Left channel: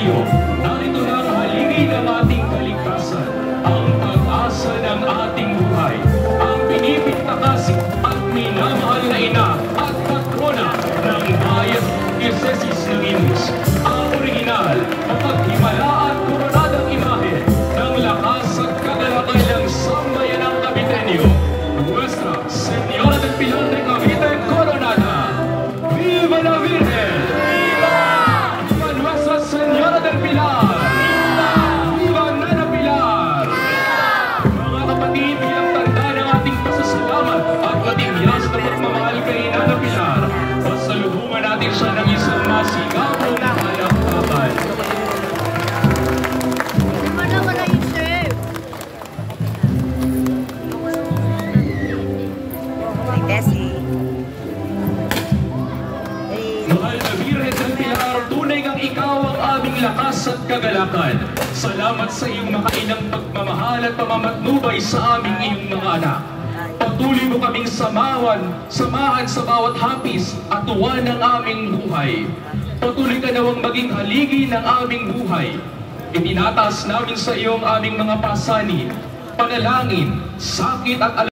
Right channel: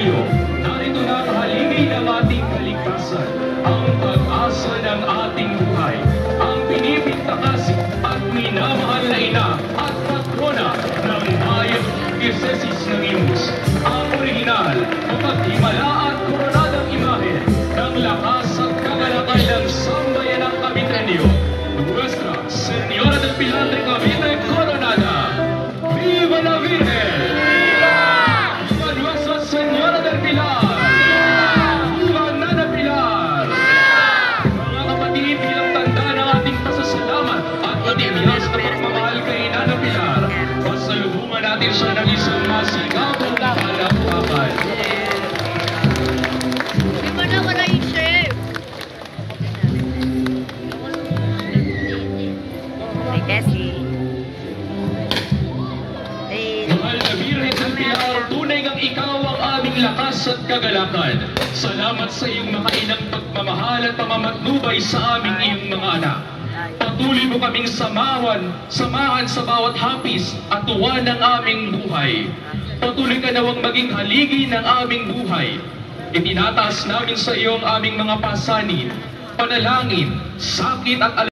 inyo, narito na ang haligi ng ating kaligtasan, ang pag-asa ng ating buhay, ang pinipintakas at minamahal na ina at patrona ng bayan Diocese ng Imus, ang orihinal, kapaghimala at koronadang imahe ng lakas at kagalakay ng sambayanang Caviteño, Nuestra Señora del Pilar de Cavite Coronada. Viva la Virgen! Viva Nuestra Señora del Pilar! Viva Nana Pilar! Mga kapatid, bilang tanda ng ating pasasalamat at matibiyas na pagmamahal kay Nana Pilar, pasalubungan natin siya ng isang masigabong palakpakan. Ay, Tessie. Mahal na Birhen ng Pilar, tunay ngang ikaw ang aming lakas at kagalakan. Salamat sa iyong makainang pagmamahal at pamamatnubay sa aming iyong mga anak. Patuloy mo kaming samahan sa bawat hapis at tuwa ng aming buhay. Patuloy ka nawang maging haligi ng aming buhay. Itinataas namin sa iyo ang aming mga pasanin, panalangin, sakit at